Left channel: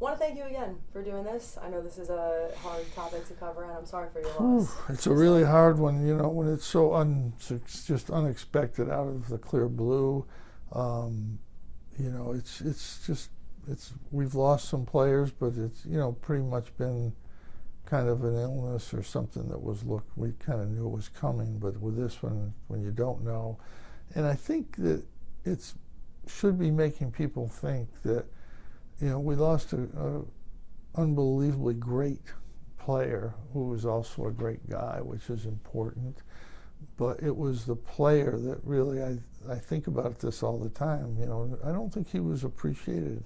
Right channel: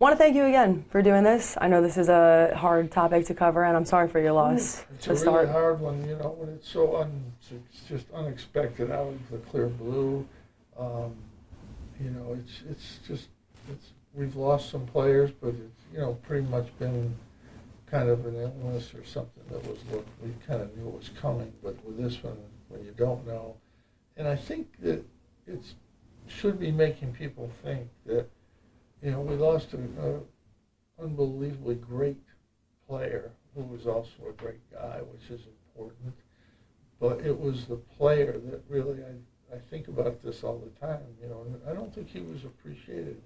Want to thank you again for doing this. I know this is a hard topic to cover, and I'm sorry for your loss. It's a really hard one, you know, when it's so it's just unexpected out of the clear blue. You know, we've lost some players, but it's, you know, pretty much been kind of an illness or something that we kind of knew it was coming, but with this one, when you don't know. And I think that it should be making people think that, you know, we lost a unbelievably great player who was also a great guy, which is important. But it was the player that really, I think about this all the time, you know, I don't think he was appreciated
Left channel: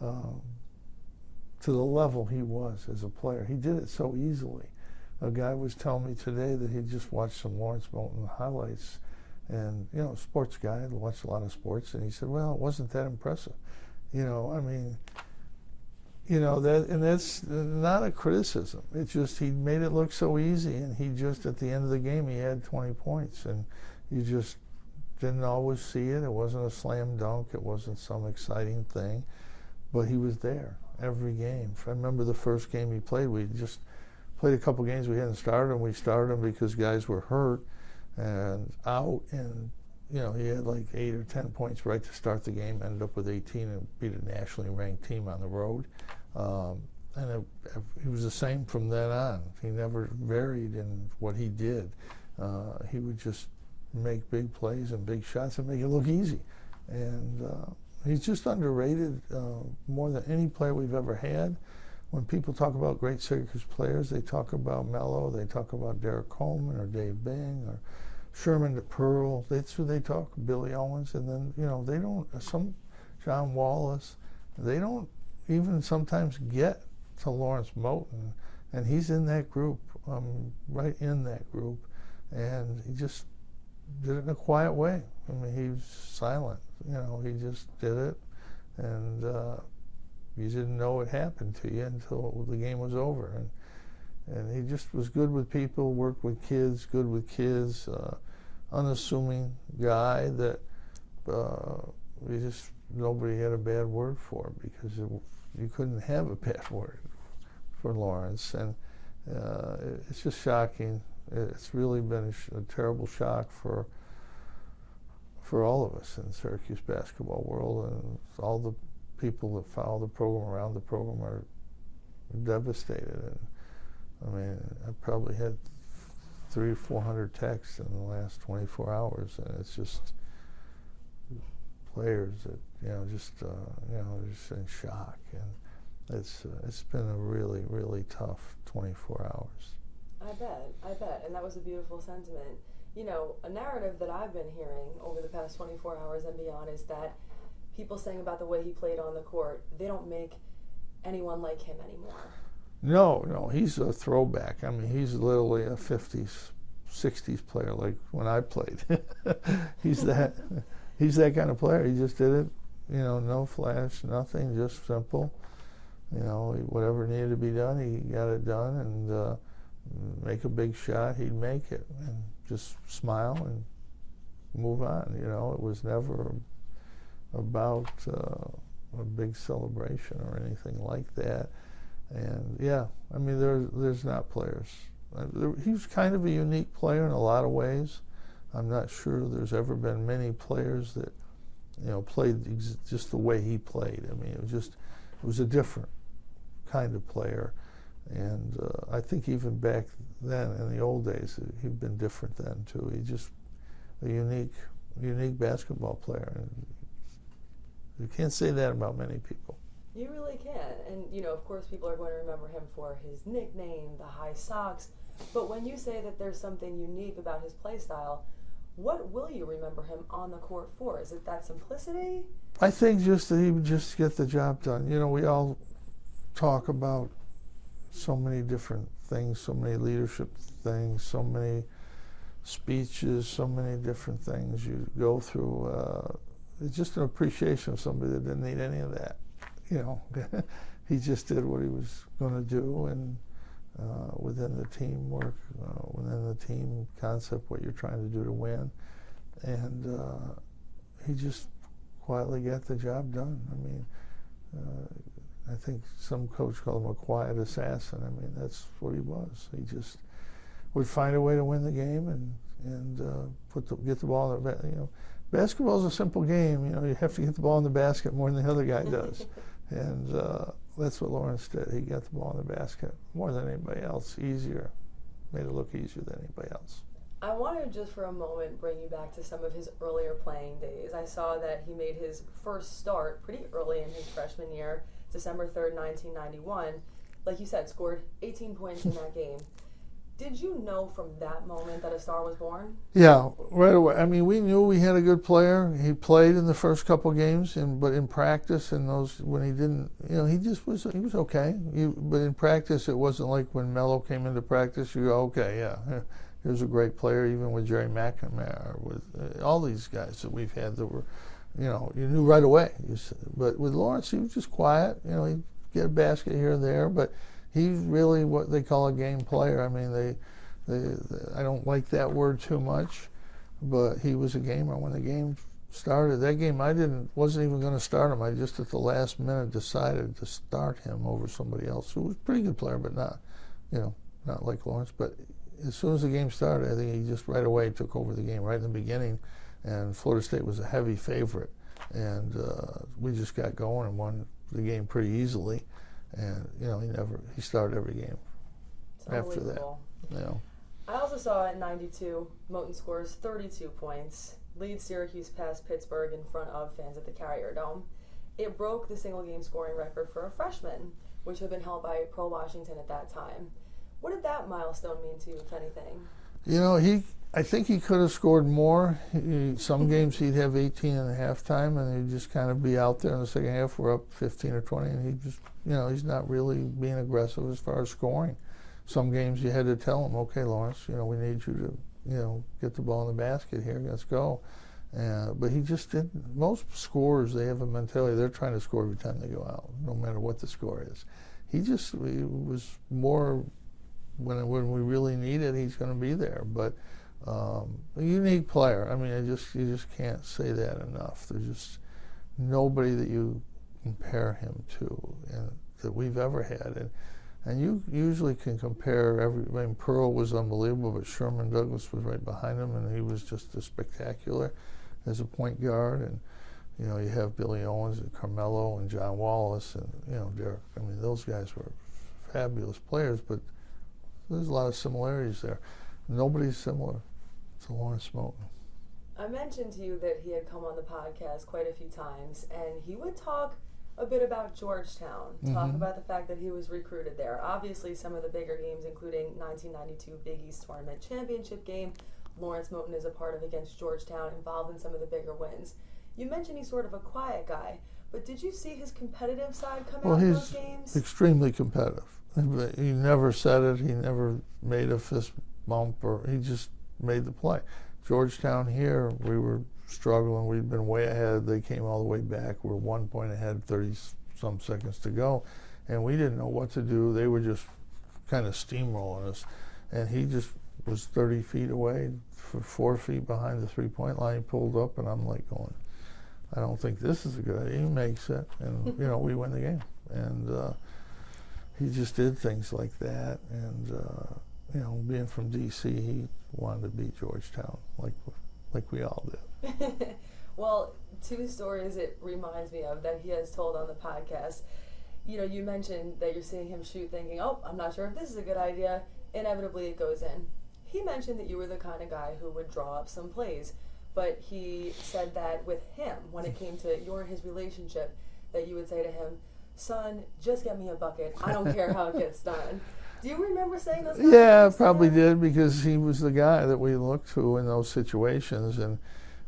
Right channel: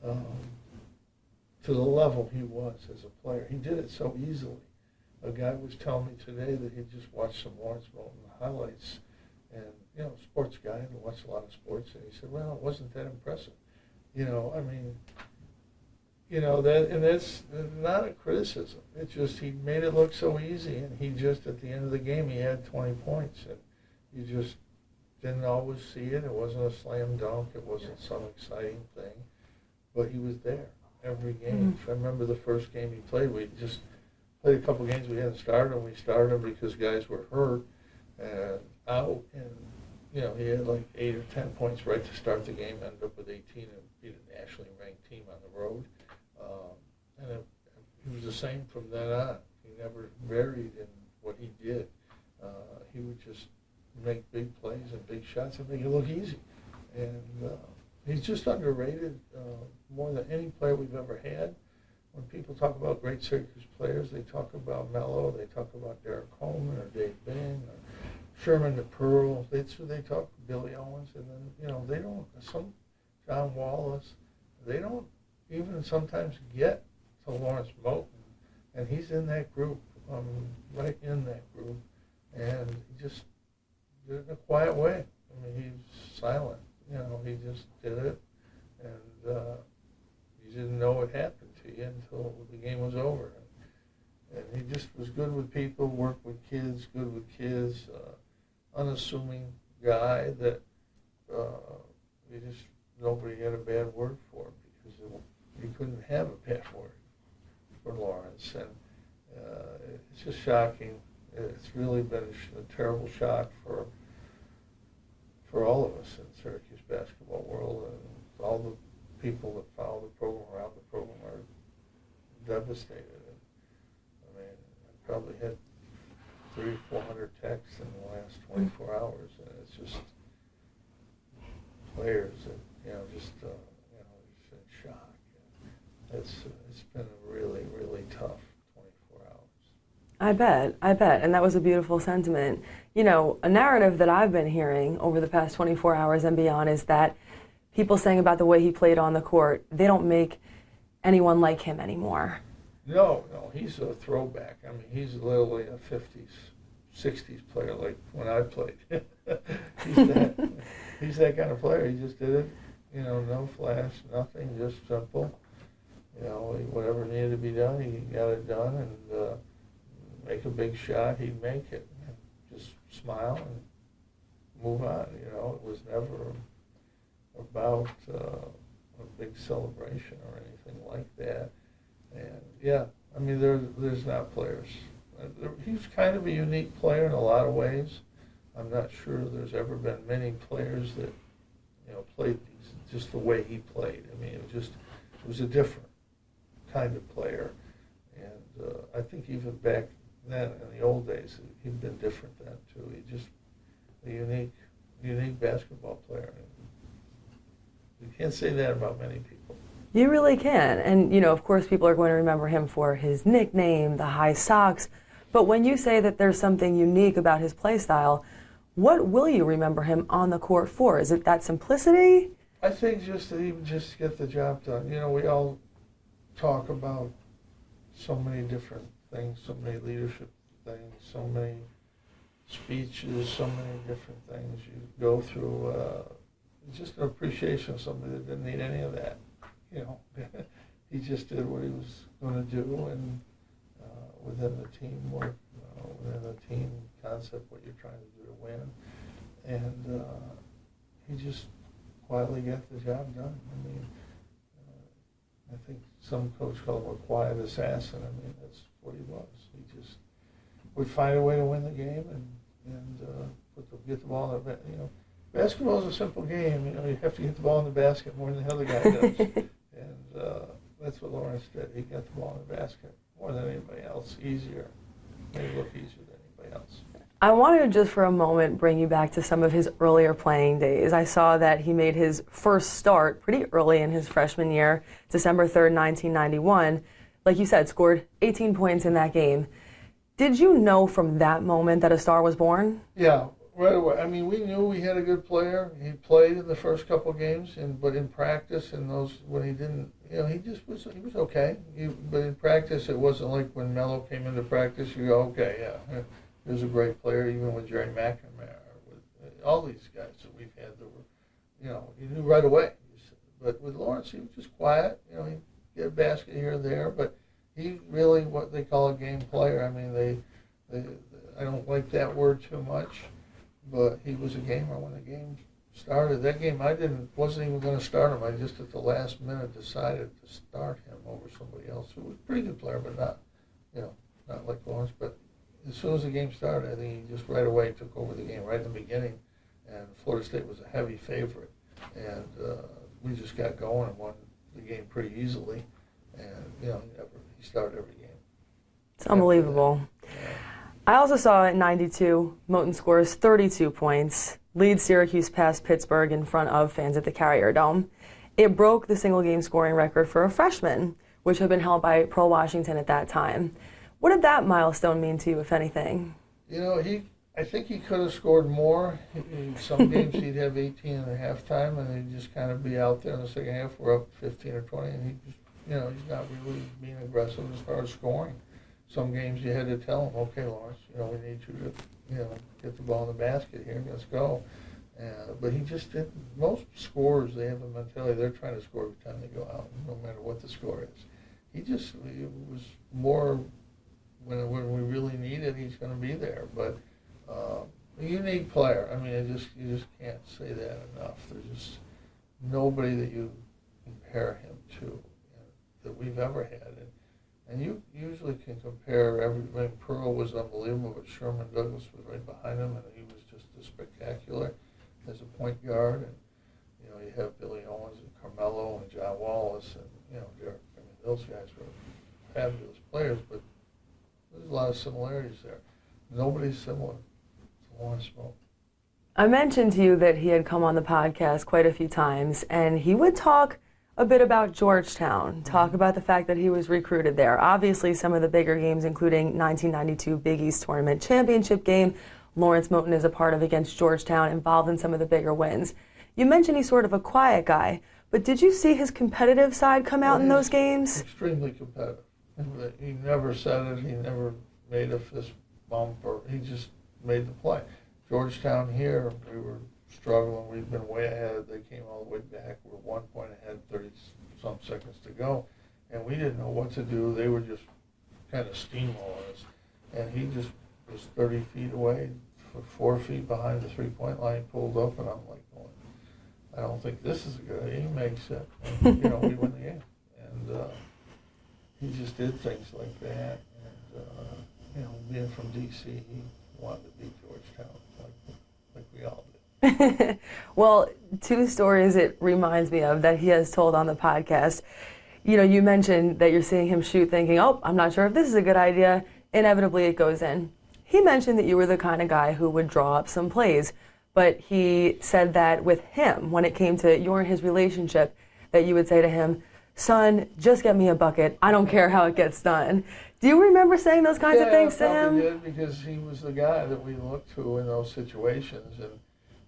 to the level he was as a player. He did it so easily. A guy was telling me today that he just watched some Lawrence Moten highlights, and, you know, sports guy, I'd watched a lot of sports, and he said, well, it wasn't that impressive. You know, I mean, you know, that's not a criticism. It's just he made it look so easy, and he just, at the end of the game, he had 20 points, and you just didn't always see it. It wasn't a slam dunk. It wasn't some exciting thing, but he was there every game. I remember the first game he played, we just played a couple games we hadn't started, and we started him because guys were hurt and out, and, you know, he had like 8 or 10 points right to start the game, ended up with 18 and beat a nationally ranked team on the road. And he was the same from then on. He never varied in what he did. He would just make big plays and big shots and make it look easy. And he's just underrated more than any player we've ever had. When people talk about great Syracuse players, they talk about Mello, they talk about Derek Coleman or Dave Bing or Sherman DePearl. That's who they talk, Billy Owens. And then, you know, they don't, John Wallace, they don't even sometimes get to Lawrence Moten. And he's in that group, right in that group. And he just did it in a quiet way. I mean, he's silent. You know, he just did it, and you didn't know it happened to you until the game was over. And he just was good with people, worked with kids, good with kids, unassuming guy that nobody had a bad word for, because you couldn't have a bad word for Lawrence. And it's just shocking. It's really been a terrible shock for all of us in Syracuse basketball world, and all the people that follow the program, around the program, are devastated. And I mean, I probably had 300 or 400 texts in the last 24 hours, and it's just players that, you know, just in shock. And it's been a really, really tough 24 hours. I bet. And that was a beautiful sentiment. You know, a narrative that I've been hearing over the past 24 hours and beyond is that people saying about the way he played on the court, they don't make anyone like him anymore. No, he's a throwback. I mean, he's literally a 50s, 60s player, like when I played. He's that kind of player. He just did it, you know, no flash, nothing, just simple. You know, whatever needed to be done, he got it done, and make a big shot, he'd make it, and just smile and move on. You know, it was never about a big celebration or anything like that. And yeah, I mean, there's not players. He was kind of a unique player in a lot of ways. I'm not sure there's ever been many players that, you know, played just the way he played. I mean, it was a different kind of player. And I think even back then, in the old days, he'd been different then too. He's just a unique basketball player. And you can't say that about many people. You really can. And, you know, of course, people are going to remember him for his nickname, the high socks. But when you say that there's something unique about his play style, what will you remember him on the court for? Is it that simplicity? I think just that he would just get the job done. You know, we all talk about so many different things, so many leadership things, so many speeches, so many different things you go through. It's just an appreciation of somebody that didn't need any of that. You know, he just did what he was going to do, and within the teamwork, within the team concept, what you're trying to do to win. And he just quietly got the job done. I mean, I think some coach called him a quiet assassin. I mean, that's what he was. He just would find a way to win the game and get the ball in the basketball's a simple game. You have to get the ball in the basket more than the other guy does. And that's what Lawrence did. He got the ball in the basket more than anybody else, easier. Made it look easier than anybody else. I wanted to just for a moment bring you back to some of his earlier playing days. I saw that he made his first start pretty early in his freshman year, December 3rd, 1991. Like you said, scored 18 points in that game. Did you know from that moment that a star was born? Yeah, right away. I mean, we knew we had a good player. He played in the first couple games, but in practice and those when he didn't, he was okay. But in practice, it wasn't like when Melo came into practice. You go, okay, yeah, he was a great player. Even with Jerry McNamara, with all these guys that we've had that were, you knew right away. But with Lawrence, he was just quiet. He'd get a basket here and there, but he's really what they call a game player. I mean, I don't like that word too much, but he was a gamer when the game started. That game, wasn't even going to start him. I just at the last minute decided to start him over somebody else who was a pretty good player, but not like Lawrence. But as soon as the game started, I think he just right away took over the game right in the beginning, and Florida State was a heavy favorite, and we just got going and won the game pretty easily. And he started every game. It's unbelievable. Yeah. I also saw in '92, Moten scores 32 points, leads Syracuse past Pittsburgh in front of fans at the Carrier Dome. It broke the single game scoring record for a freshman, which had been held by Pearl Washington at that time. What did that milestone mean to you, if anything? I think he could have scored more. Some games he'd have 18 in the halftime, and he'd just kind of be out there in the second half. We're up 15 or 20, and he just, he's not really being aggressive as far as scoring. Some games you had to tell him, okay, Lawrence, we need you to, get the ball in the basket here. Let's go. But he just didn't. Most scorers, they have a mentality they're trying to score every time they go out, no matter what the score is. He was more when we really need it, he's going to be there. But a unique player. I mean, you just can't say that enough. There's just nobody that you compare him to that we've ever had. And you usually can compare Pearl was unbelievable, but Sherman Douglas was right behind him, and he was just as spectacular as a point guard. And you have Billy Owens and Carmelo and John Wallace and Derek. I mean, those guys were fabulous players, but there's a lot of similarities there. Nobody's similar to Lawrence Moten. I mentioned to you that he had come on the podcast quite a few times, and he would talk a bit about Georgetown, talk about the fact that he was recruited there. Obviously, some of the bigger games, including 1992 Big East Tournament Championship game, Lawrence Moten is a part of against Georgetown, involved in some of the bigger wins. You mentioned he's sort of a quiet guy, but did you see his competitive side come out in those games? Extremely competitive. He never said it. He never made a fist bump, or he just made the play. Georgetown here, we were struggling. We'd been way ahead. They came all the way back. We're 1 point ahead, 30-some seconds to go, and we didn't know what to do. They were just kind of steamrolling us, and he just was 30 feet away, 4 feet behind the three-point line, pulled up, and I'm like going, I don't think this is a good idea. He makes it, and we win the game. And he just did things like that, and being from D.C., he wanted to beat Georgetown, like we all did. Well, two stories it reminds me of that he has told on the podcast. You mentioned that you're seeing him shoot thinking, I'm not sure if this is a good idea. Inevitably, it goes in. He mentioned that you were the kind of guy who would draw up some plays, but he said that with him, when it came to your and his relationship, that you would say to him, son, just get me a bucket. I don't care how it gets done. Do you remember saying those kinds of things to him? Yeah, I probably did, because he was the guy that we looked to in those situations. And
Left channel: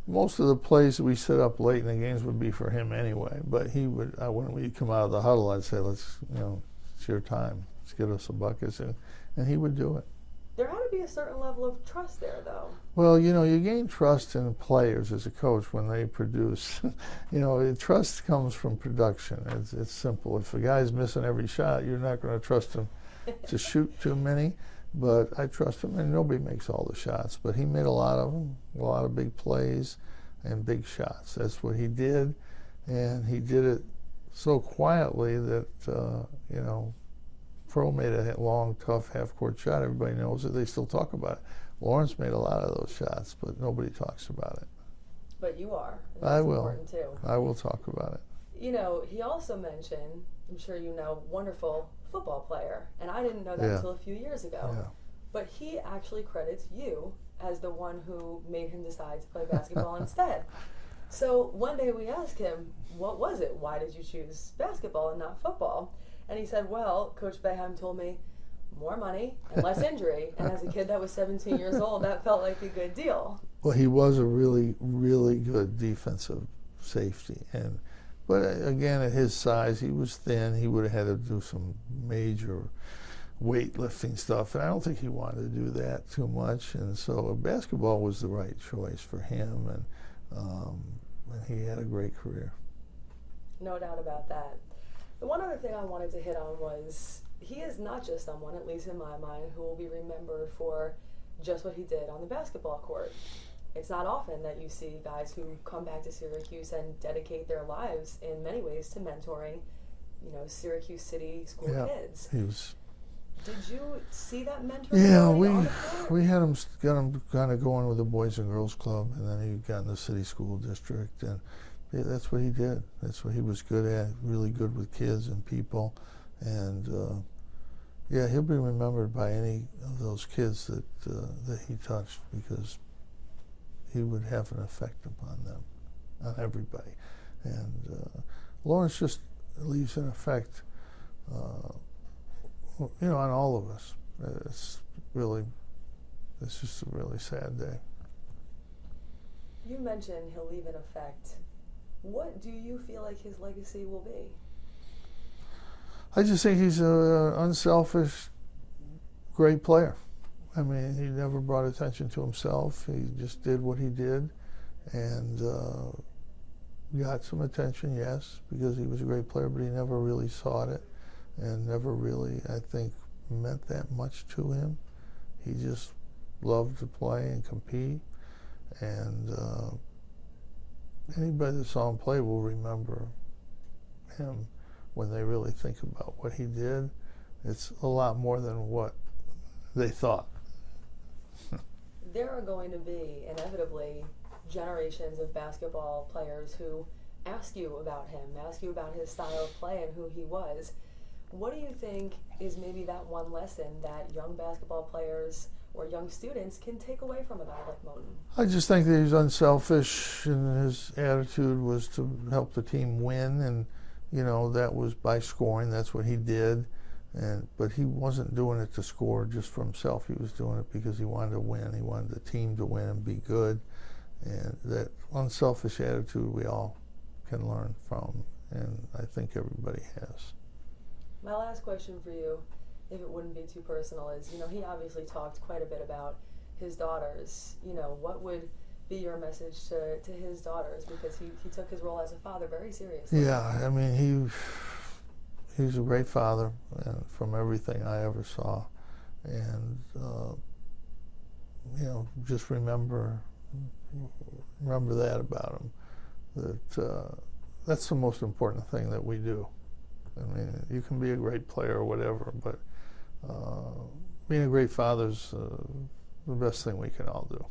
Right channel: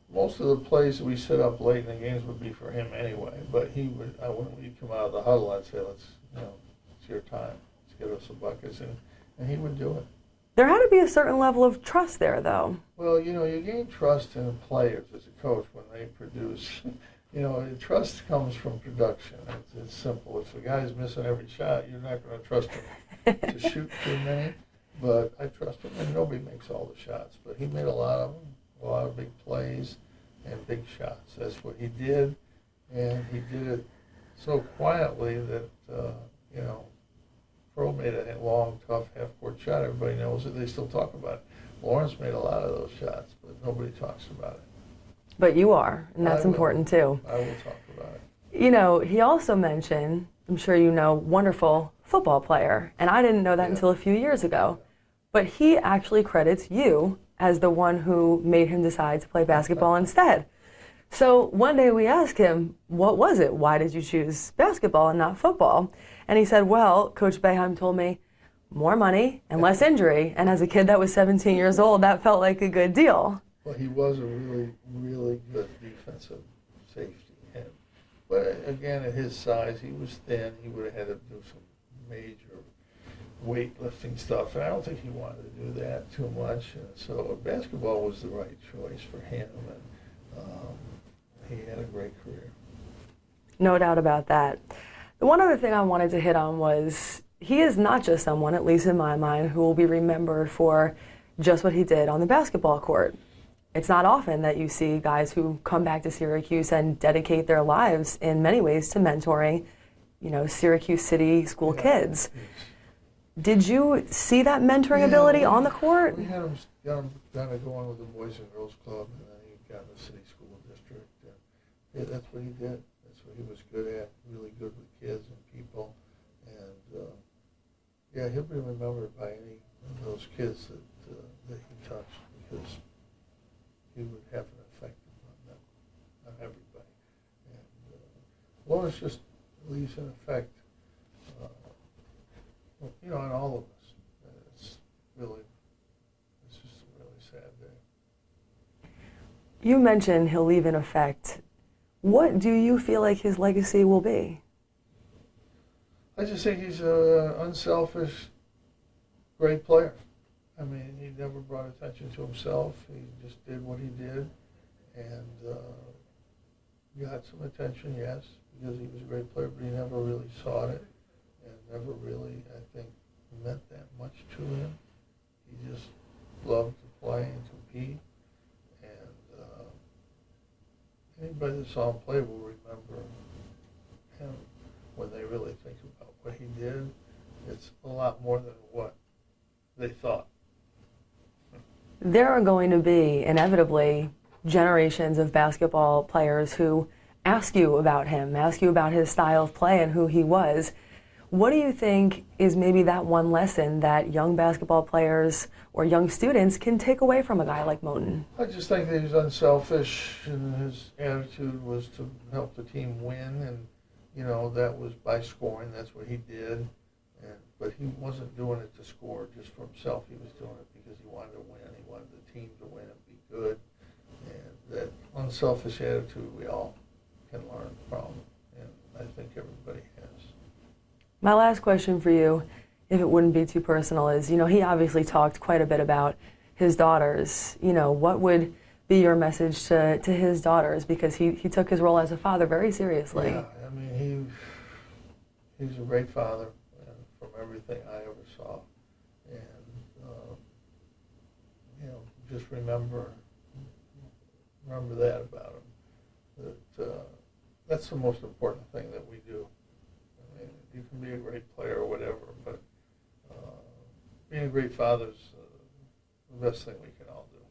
most of the plays that we set up late in the games would be for him anyway. But he would, when we'd come out of the huddle, I'd say, it's your time. Let's get us some buckets. And he would do it. There had to be a certain level of trust there, though. Well, you gain trust in players as a coach when they produce. Trust comes from production. It's simple. If a guy's missing every shot, you're not going to trust him to shoot too many. But I trust him, and nobody makes all the shots. But he made a lot of them, a lot of big plays and big shots. That's what he did, and he did it so quietly that, you know, Pro made a long, tough half-court shot. Everybody knows it. They still talk about it. Lawrence made a lot of those shots, but nobody talks about it. But you are, and that's important too. I will talk about it. You know, he also mentioned, I'm sure you know, wonderful football player, and I didn't know that until a few years ago. Yeah. But he actually credits you as the one who made him decide to play basketball instead. So one day we asked him, what was it? Why did you choose basketball and not football? And he said, well, Coach Boeheim told me more money and less injury. And as a kid that was 17 years old, that felt like a good deal. Well, he was a really, really good defensive safety. But again, at his size, he was thin. He would have had to do some major weightlifting stuff. And I don't think he wanted to do that too much. And so basketball was the right choice for him. And he had a great career. No doubt about that. The one other thing I wanted to hit on was he is not just someone, at least in my mind, who will be remembered for just what he did on the basketball court. It's not often that you see guys who come back to Syracuse and dedicate their lives in many ways to mentoring, you know, Syracuse City school kids. Did you see that mentoring ability on the court? We had him, got him kind of going with the Boys and Girls Club, and then he got in the city school district, and yeah, that's what he did. That's what he was good at, really good with kids and people. And yeah, he'll be remembered by any of those kids that he touched, because he would have an effect upon them, on everybody. And Lawrence just leaves an effect, you know, on all of us. It's just a really sad day. You mentioned he'll leave an effect. What do you feel like his legacy will be? I just think he's an unselfish, great player. I mean, he never brought attention to himself. He just did what he did, and got some attention, yes, because he was a great player, but he never really sought it, and never really, I think, meant that much to him. He just loved to play and compete, and anybody that saw him play will remember him when they really think about what he did. It's a lot more than what they thought. There are going to be, inevitably, generations of basketball players who ask you about him, ask you about his style of play and who he was. What do you think is maybe that one lesson that young basketball players or young students can take away from a guy like Moten? I just think that he's unselfish, and his attitude was to help the team win, and you know, that was by scoring. That's what he did. But he wasn't doing it to score just for himself. He was doing it because he wanted to win. He wanted the team to win and be good. And that unselfish attitude we all can learn from, and I think everybody has. My last question for you, if it wouldn't be too personal, is, you know, he obviously talked quite a bit about his daughters. You know, what would be your message to his daughters? Because he took his role as a father very seriously. Yeah, I mean, he's a great father, from everything I ever saw. And, you know, just remember that about him, that that's the most important thing that we do. I mean, you can be a great player or whatever, but being a great father is the best thing we can all do.